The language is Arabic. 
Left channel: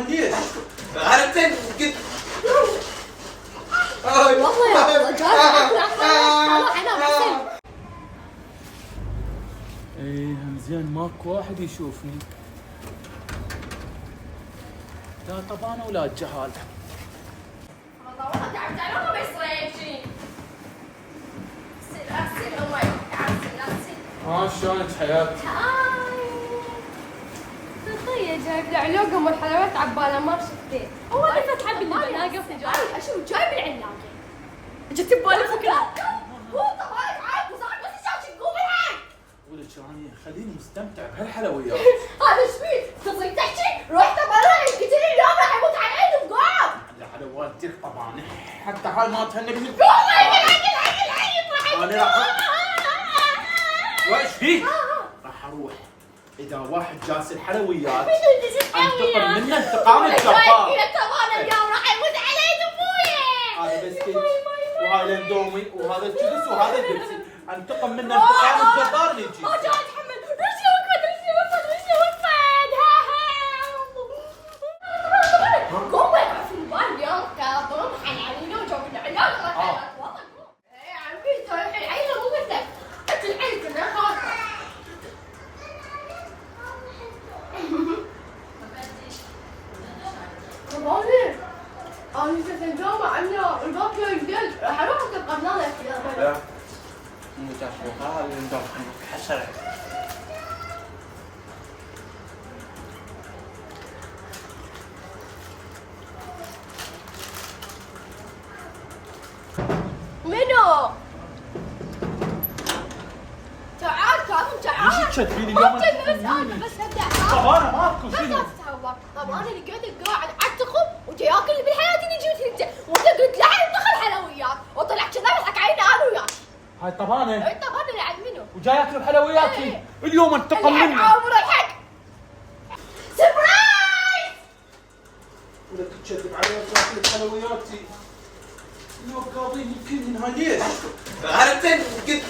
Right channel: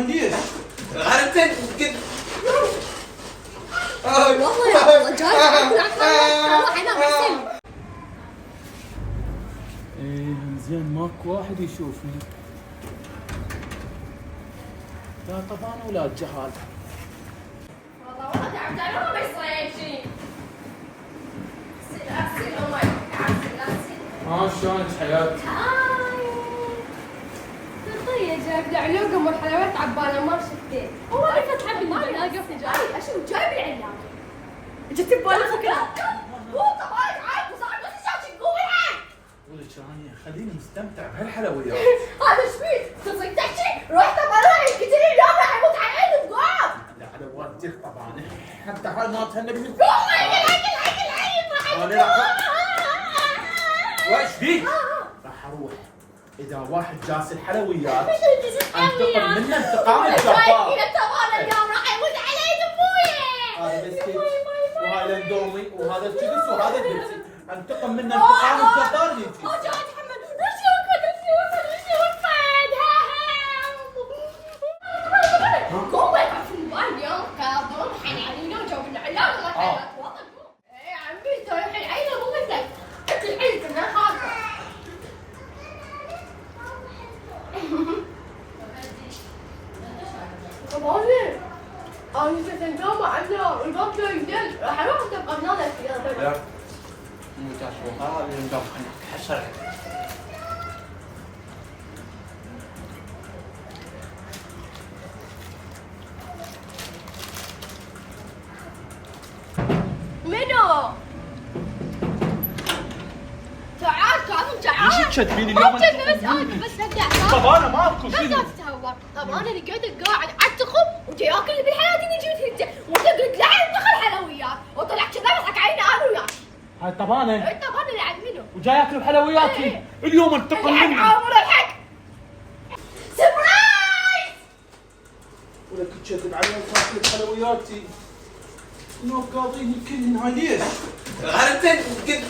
ليش؟ انا قد والله يا رجال ايه زين ماكو واحد يشوفني. لا طبعا ولا الجهال. والله تعبت انا ما يصير شيء. سل امي شلونك حياتي؟ طيب جايب لي علاقه من الحلويات عباله ما شفتيه. هو اللي فتح بالعلاقه في جاي اشوف جايب العلاقه. جت ببالي فكره. هو طبعا عارف وصار بس شاشه تقولها. ولك انا خليني مستمتع بهالحلويات. هذا ايش فيك؟ تصير تحكي؟ رحت برا قلت لي اليوم راح يموت على عيني تقوم. لا على والدتك طبعا حتى هاي ما تهنى بنت. قوم العين انا راح وايش فيك؟ راح اروح اذا واحد جالس الحلويات انتقم منه انتقام الجبار. الى كمان اليوم راح يموت علي دمويه. هذا بسكيت وهاي الاندومي وهذا الشيبس وهذا البيبسي انتقم منه انتقام الجبار يجي. ما جاي اتحمل. رجلي وقفت. قوم وقف في الموبايل اليوم كاظم حنانين وجو العيال ما حيلك والله. يا عمي ترى الحين عيله مو مثلك. اكل عيلك انا خاطر. طبعاً أنا ستنجمع عنا الباب جاي جديد راح أروح تبقى بنانك يا بابا. مو تعرفوا هذا اللي ندور حشر. منو؟ تعال كاظم تعال. ليش تشتميني اليوم؟ ما تشتم بس ابدا. طب انا ماكو بس شنو؟ لا تتهور. طب انا لقيتك قاعد اتخم وجاي اكل اللي بالحياه اللي جيت انت وانت قلت لا ندخل حلويات وطلع كذا يضحك علينا انا وياك. هاي طبانه انت طبعا اللي عند منو؟ وجاي ياكل بحلوياتي اليوم انتقم الحق مني. عامر الحق. سربرايز. ولا كنت تشذب علي وتاكل بحلوياتي. شنو قاضيني كلهن هاي ليش؟ انا قد